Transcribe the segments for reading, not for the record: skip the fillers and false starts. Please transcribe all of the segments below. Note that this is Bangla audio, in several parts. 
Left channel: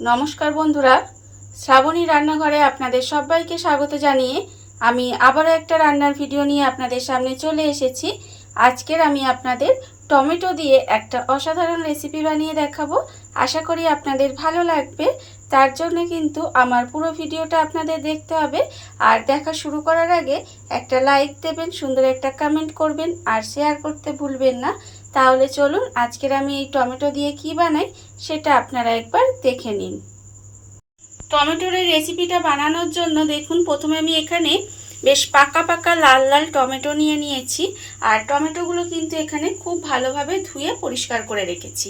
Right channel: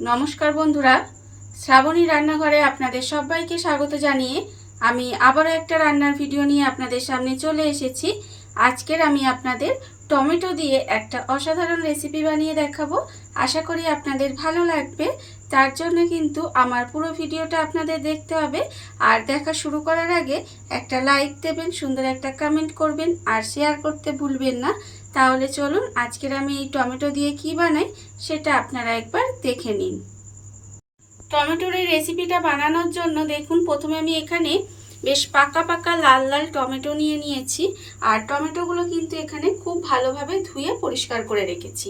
নমস্কার বন্ধুরা, শ্রাবণী রান্নাঘরে আপনাদের সবাইকে স্বাগত জানিয়ে আমি আবারও একটা রান্নার ভিডিও নিয়ে আপনাদের সামনে চলে এসেছি। আজকের আমি আপনাদের টমেটো দিয়ে একটা অসাধারণ রেসিপি বানিয়ে দেখাবো। আশা করি আপনাদের ভালো লাগবে। তার জন্য কিন্তু আমার পুরো ভিডিওটা আপনাদের দেখতে হবে। আর দেখা শুরু করার আগে একটা লাইক দেবেন, সুন্দর একটা কমেন্ট করবেন আর শেয়ার করতে ভুলবেন না। তাহলে চলুন আজকের আমি এই টমেটো দিয়ে কি বানাই সেটা আপনারা একবার দেখে নিন। টমেটোর এই রেসিপিটা বানানোর জন্য দেখুন, প্রথমে আমি এখানে বেশ পাকা পাকা লাল লাল টমেটো নিয়ে নিয়েছি। আর টমেটোগুলো কিন্তু এখানে খুব ভালোভাবে ধুয়ে পরিষ্কার করে রেখেছি।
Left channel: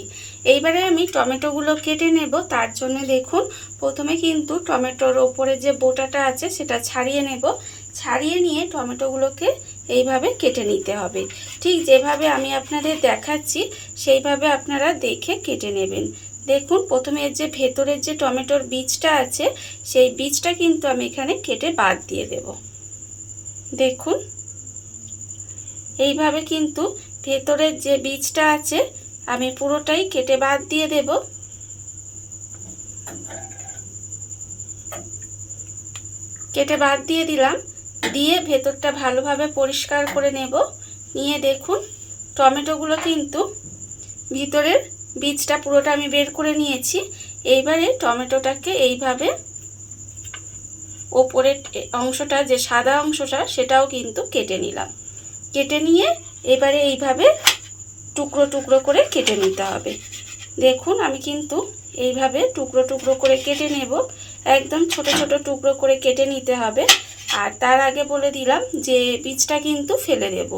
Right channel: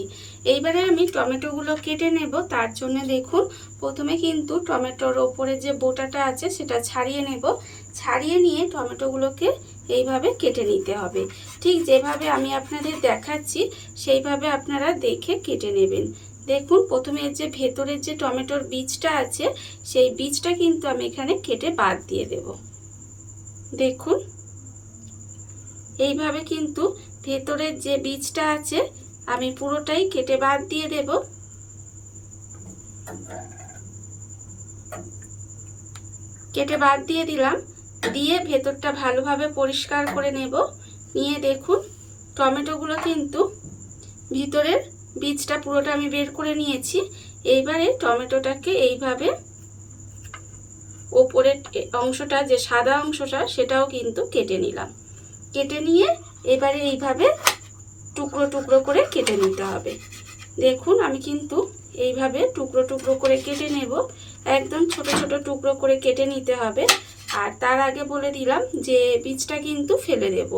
এইবারে আমি টমেটোগুলো কেটে নেব। তার জন্য দেখুন, প্রথমে কিন্তু টমেটোর ওপরে যে বোটাটা আছে সেটা ছাড়িয়ে নেব। ছাড়িয়ে নিয়ে টমেটোগুলোকে এইভাবে কেটে নিতে হবে। ঠিক যেভাবে আমি আপনাদের দেখাচ্ছি সেইভাবে আপনারা দেখে কেটে নেবেন। দেখুন, প্রথমে যে ভেতরের যে টমেটোর বীজটা আছে সেই বীজটা কিন্তু আমি এখানে কেটে বাদ দিয়ে দেব। দেখুন, এইভাবে কিন্তু ভেতরের যে বীজটা আছে আমি পুরোটাই কেটে বাদ দিয়ে দেব। কেটে বাদ দিয়ে দিলাম। দিয়ে ভেতরটা ভালোভাবে পরিষ্কার করে নেব। নিয়ে দেখুন, টমেটোগুলো কিন্তু ভিতরের বীজটা পুরোটা আমি বের করে নিয়েছি। এইবারে টমেটোটাকে এইভাবে ওপরের অংশটা যে সাদা অংশটা সেটাও কিন্তু কেটে নিলাম। কেটে নিয়ে এবারে এইভাবে টুকরো টুকরো করে কেটে নিতে হবে। দেখুন, আমি কিন্তু এইভাবে টুকরো টুকরো করে কেটে নেব। একদম ছোট ছোট টুকরো করে কেটে নিতে হবে। আর তার আগে বলে দিলাম যে বীজটা কিন্তু ফেলে দেব।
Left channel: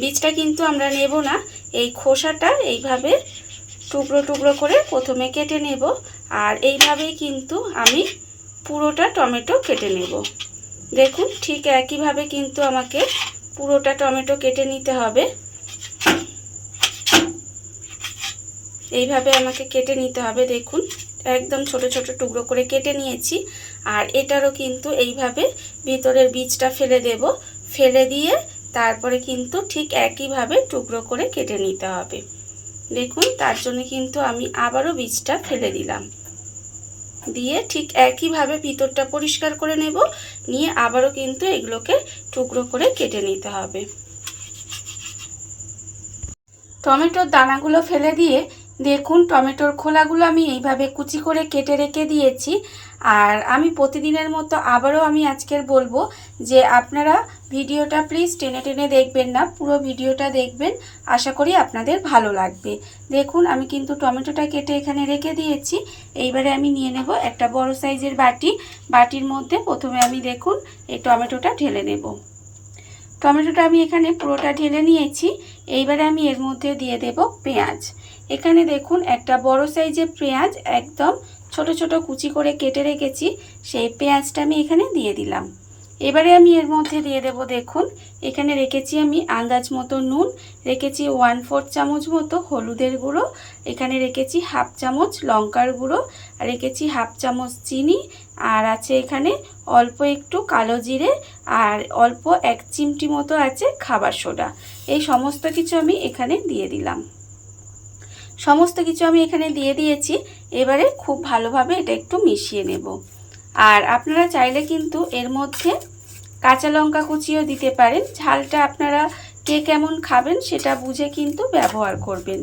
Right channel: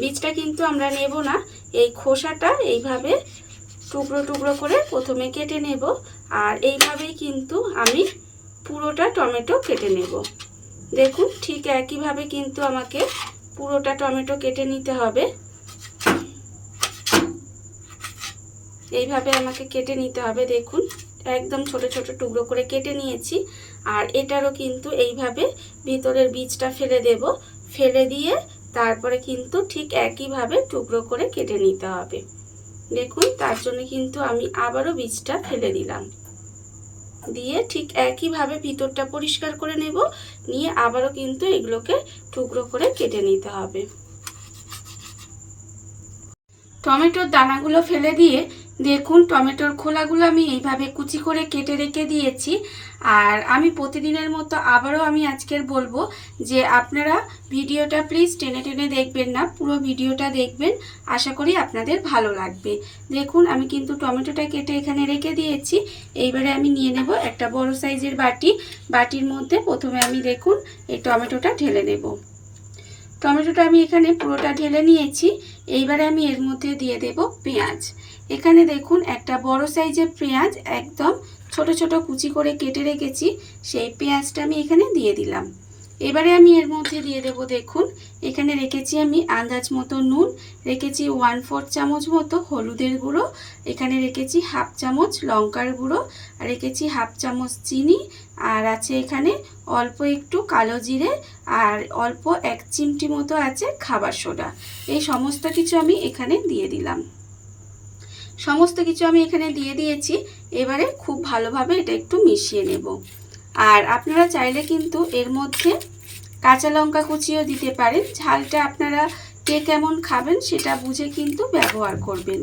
বীজটা কিন্তু আমরা নেব না। এই খোসাটা এইভাবে টুকরো টুকরো করে প্রথমে কেটে নেব। আর এইভাবেই কিন্তু আমি পুরোটা টমেটো কেটে নেব। দেখুন, ঠিক একইভাবে কিন্তু আমাকে পুরোটা টমেটো কেটে নিতে হবে। এইভাবে আমাকে কেটে নিতে হবে। দেখুন, একদম ছোট ছোট টুকরো করে কেটে নিয়েছি। আর এটারও কিন্তু এইভাবে ভিতরের বীজটা ফেলে দেব। ফেলে দিয়ে তারপরে কিন্তু ঠিক একইভাবে টুকরো করে কেটে নিতে হবে। দেখুন, তার জন্য কিন্তু আমি আবারও বীজটা ফেলে দিলাম। দিয়ে ঠিক একইভাবে ভিতরটা পরিষ্কার করে নেব। নিয়ে আবারও কিন্তু এগুলোকে টুকরো করে কেটে নিতে হবে। টমেটোর দানাগুলো ফেলে দিয়ে দেখুন, টমেটোর খোলাগুলো আমি এইভাবে কুচি করে কেটে রেখে দিয়েছি। আর আমি প্রতিদিনের মতো আবারও আমি আজকের বলবো যে আপনারা ভিডিওটা প্লিজ টেনে টেনে দেখবেন না, পুরো ভিডিওটা দেখবেন। আশা করি আপনাদের ভালো লাগবে। দেখুন, আমি কিন্তু টমেটোটা কেটে এখানে রেখে দিয়েছি। এইবারে আমি নিয়ে নেব একটা বড় সাইজের বাটি। বাটির মধ্যে প্রথমে আমি দেখুন এই টমেটোটা ঢেলে নেব। টমেটোটা আমি এখানে পুরোটা ঢেলে নিয়েছি। এইবারে আমি এর মধ্যে দিয়ে দেব পেঁয়াজ। এখানে দেখুন একটা বড় সাইজের পেঁয়াজ একদম ছোট ছোট কুচি করে কেটে রেখেছি। সেই পেঁয়াজটা আমি এখানে দিয়ে দিলাম। এবারে আমি এর মধ্যে দিয়ে দেব, দেখুন এখানে রেখেছি আমি আন্দাজ মতো নুন, রেখেছি 1/4 চামচ মতো হলুদের গুঁড়ো, এখানে রেখেছি 1/2 চামচ লঙ্কার গুঁড়ো, আর রেখেছি 1/2 চামচ চিনি, আর আছে এখানে অল্প একটু কালো জিরে, আর অল্প 1 চিমটি মতো আছে খাবার সোডা। এই সমস্ত কিছু আমি এখানে দিয়ে দিলাম। সমস্ত কিছু আমি এখানে দিয়ে দিয়েছি। এবারে খুব ভালোভাবে এটা একটু মিশিয়ে নেব। আর আপনারা চাইলে কিন্তু এর মধ্যে কাঁচা লঙ্কা কুচিও দিতে পারেন। ঝালটা আপনারা কে কেমন খাবেন সেটা বুঝে কিন্তু ব্যবহার করবেন।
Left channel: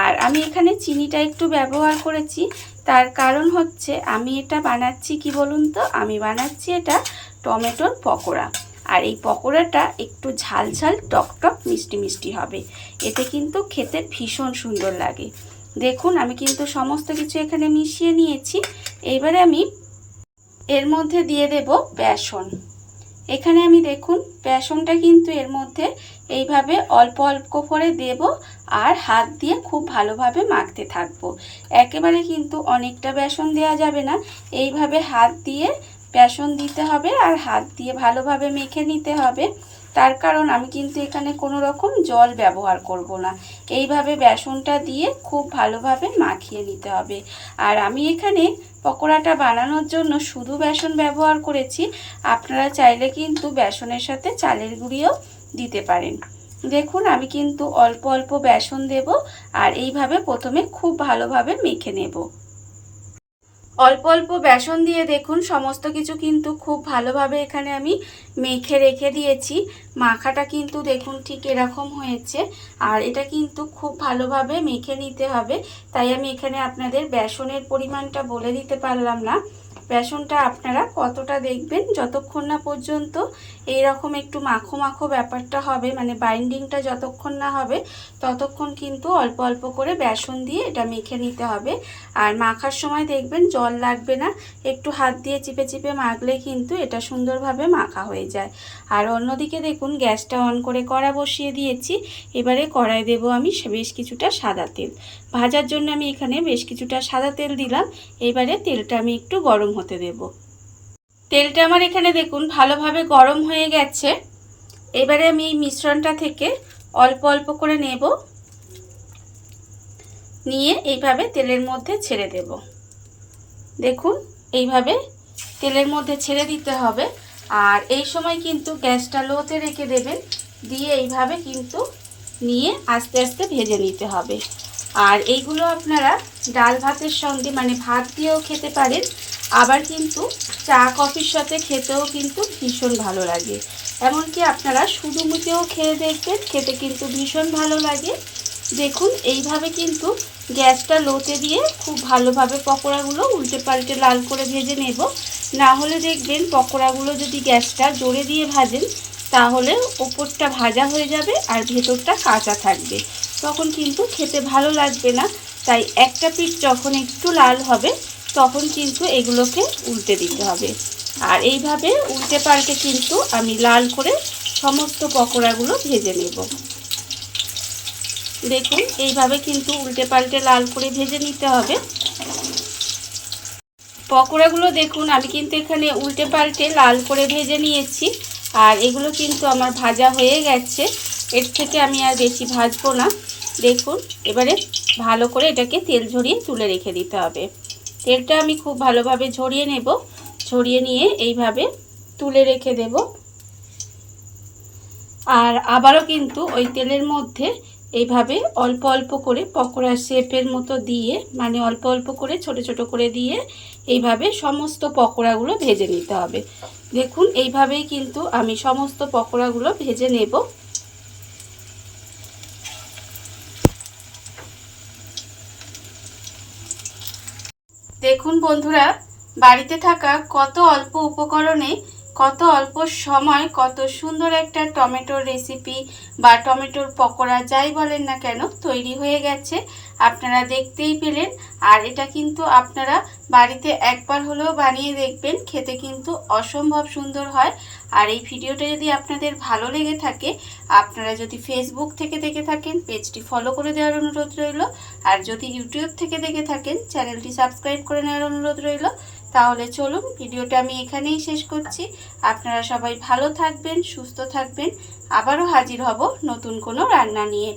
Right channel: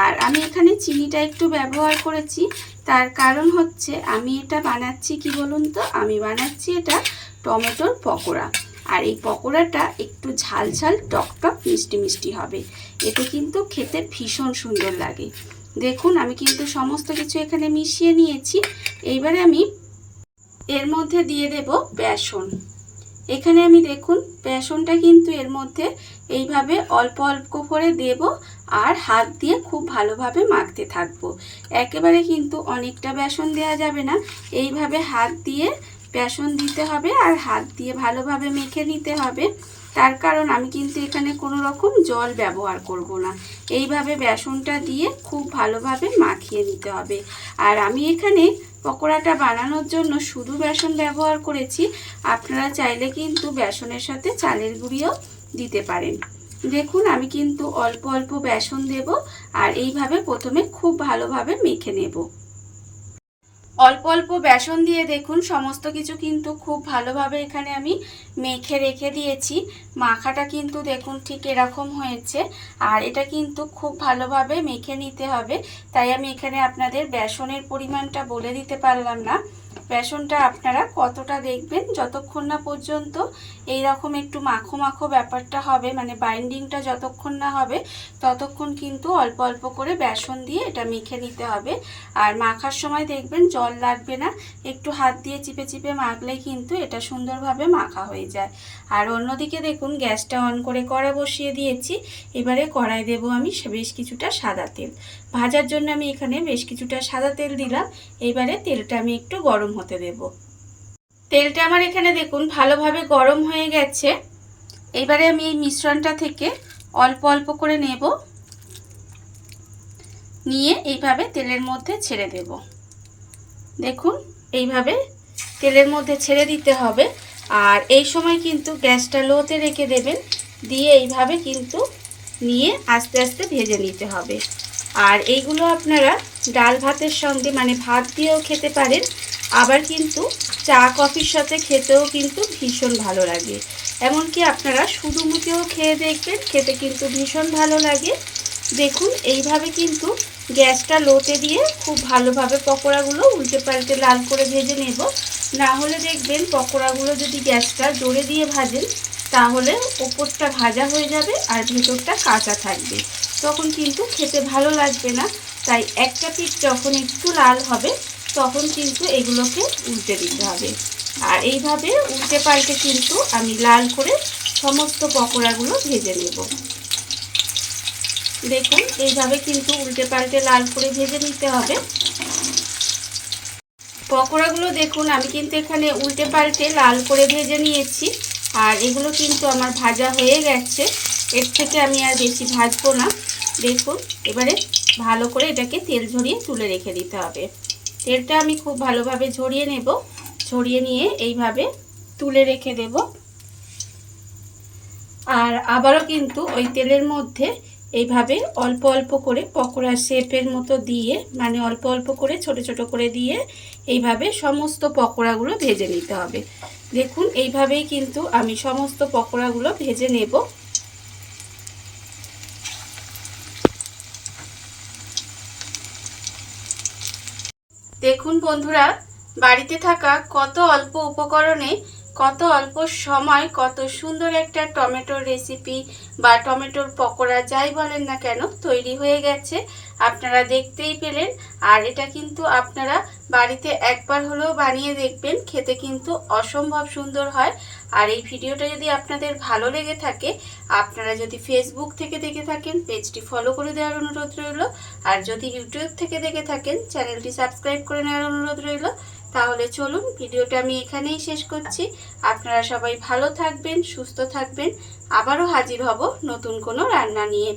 আর আমি এখানে চিনিটা একটু ব্যবহার করেছি। তার কারণ হচ্ছে আমি এটা বানাচ্ছি কি বলুন তো, আমি বানাচ্ছি এটা টমেটোর পকোড়া। আর এই পকোড়াটা একটু ঝাল ঝাল টক টক মিষ্টি মিষ্টি হবে। এতে কিন্তু খেতে ভীষণ সুন্দর লাগে। দেখুন, আমি কিন্তু সমস্ত কিছু এখানে মিশিয়ে নিয়েছি। এইবারে আমি এর মধ্যে দিয়ে দেব বেসন। এখানে আমি দেখুন বেসনটা কিন্তু এর মধ্যে এইভাবে অল্প অল্প করে দেব। আর হাত দিয়ে খুব ভালোভাবে মাখতে থাকবো। একেবারে কিন্তু অনেকটা বেসন দেওয়া যাবে না। এইভাবে হাত দিয়ে বেসন দিতে হবে আর হাত দিয়ে ভালোভাবে মেখে নিতে হবে। তার কারণ আমি কিন্তু এখানে কোনো রকম জল ব্যবহার করব না। এইভাবে বেসনটা দিয়ে খুব ভালোভাবে মাখিয়ে নিতে হবে। আর আমি এখানে পকোড়াটা বানানোর জন্য শুধু বেসন ব্যবহার করেছি। আপনারা চাইলে কিন্তু বেসনের সাথে চালের গুঁড়িও দিতে পারেন। দেখুন, আমি কিন্তু অল্প অল্প বেসন দেব আর এইভাবে প্রথমে খুব ভালোভাবে মেখে নেব। অল্প অল্প বেসন দিয়ে দেখুন সমস্ত কিছু কিন্তু খুব ভালোভাবে এখানে আমি মেখে রেখে দিয়েছি। মাখাটা কিন্তু দেখুন ঠিক এরকম হয়েছে। আর এটা কিন্তু খুব ভালোভাবে মেখে নিতে হবে, তাই আমি এখানে আপনাদের বেসনের পরিমাণটা বলে দিতে পারলাম না। বেসনটা আপনারা কতটা দেখবেন, যতক্ষণ না পর্যন্ত এইরকম একটু মাখো মাখো ব্যাপারটা হবে, মানে বাইন্ডিংটা যতক্ষণ না হবে ততক্ষণ কিন্তু অল্প অল্প করে বেসন দিয়ে এটা মেখে নিতে হবে। আর মাখার সময় দেখবেন জল লাগবে না, একটু হাত দিয়ে চিপে চিপে মাখলে কিন্তু এটা সুন্দরভাবে মাখা হয়ে যায়। আর অন্যদিকে দেখুন গ্যাসটা অন করে কড়া বসিয়ে দিয়েছি। এবারে কড়াই দেব আমি বেশ কিছুটা সাদা তেল। ভাজার জন্য আমি এখানে বেশ কিছুটা সাদা তেল দিলাম। এবারে তেলটা আমি একটু গরম হতে দেব। তেলটা আমার এখানে দেখুন ভালোভাবে গরম হয়ে গেছে। এবারে আমি এই মিশ্রণটা থেকে অল্প অল্প করে নেব, নিয়ে এইভাবে তেলের মধ্যে ছেড়ে দেব। দেখুন এইভাবে তেলের মধ্যে ছেড়ে দিতে হবে। আর এই সময় কিন্তু গ্যাসটা লোতে রেখে দেবেন, দিয়ে এইভাবে কিন্তু নিয়ে আস্তে আস্তে ভেজে নিতে হবে। আর এইগুলো আপনারা ডাল ভাতের সঙ্গে মানে ভাত দিয়েও খেতে পারেন, আবার কিন্তু চা কফির সাথে খেতেও কিন্তু ভীষণ ভালো লাগে। এমনকি আপনারা শুধু মুখেও খেয়ে দেখবেন, খেতে কিন্তু ভীষণ ভালো লাগে। দেখুন এইভাবে কিন্তু গ্যাসটা লোতে দিয়ে খুব ভালোভাবে পকোড়াগুলো উল্টে পাল্টে লাল করে ভেজে নেব। না হলে দেখবেন পকোড়াগুলো যদি গ্যাসটা জোরে দিয়ে ভাজেন তাহলে ওপরটা ভাজা হয়ে যাবে আর ভেতরটা কাঁচা থাকবে, তখন কিন্তু খেতে ভালো লাগবে না। তাই একটা পিঠ যখন একটু লাল হবে তখন কিন্তু এগুলোকে উল্টে দিতে হবে। আর এইভাবে উল্টে পাল্টে কিন্তু আমি লাল করে সমস্ত পকোড়াগুলো ভেজে নেব। দেখুন এইভাবে কিন্তু উল্টে পাল্টে লাল করে ভেজে নিতে হবে পকোড়াগুলো। দেখুন আমি কিন্তু এখানে উল্টে পাল্টে লাল করে ভেজে নিয়েছি। আর এগুলো কিন্তু আমার ভাজা হয়ে গেছে, এর থেকে আমি আর বেশি ভাজবো না। দেখুন এবারে ভালো করে এটাকে তেল ঝরিয়ে তুলে রেখে দিতে হবে। তেলটা আমি খুব ভালোভাবে ঝরিয়ে নেব, ঝরিয়ে নিয়ে এইভাবে তুলে রেখে দেব। আর আবারও কিন্তু ওই তেলের মধ্যে এইভাবে অল্প অল্প করে পকোড়া শেপের মতো দিয়ে, মানে অল্প অল্প করে ছোট ছোট করে দিয়ে এইভাবে সমস্ত পকোড়াগুলো ভেজে নিতে হবে। দেখুন এইভাবেই কিন্তু আমি সমস্ত পকোড়াগুলো ভেজে নেব। দেখুন বন্ধুরা, বাড়িতে থাকা কত অল্প উপকরণে কত অল্প সময় কত সুন্দর একটা টমেটোর রেসিপি বা টমেটোর পকোড়া যাই বলেন না কেন তৈরি হয়ে গেছে। আপনারা দেখতেই পেলেন। আর এটা কিন্তু আপনারা বাড়িতে একবার হলেও বানিয়ে দেখবেন, খেতে কিন্তু অসম্ভব সুন্দর হয়। আর এই ভিডিওটা যদি আপনাদের ভালো লেগে থাকে, আপনারা যদি ফেসবুক থেকে দেখে থাকেন পেজটি ফলো করে দেওয়ার অনুরোধ রইল। আর যদি ইউটিউব থেকে দেখে থাকেন চ্যানেলটি সাবস্ক্রাইব করে নেওয়ার অনুরোধ রইল। তাহলে চলুন ভিডিওটা আমি এখানেই শেষ করছি। আপনারা সবাই ভালো থাকবেন, সুস্থ থাকবেন। আবারও হাজির হব নতুন কোনো রান্না নিয়ে।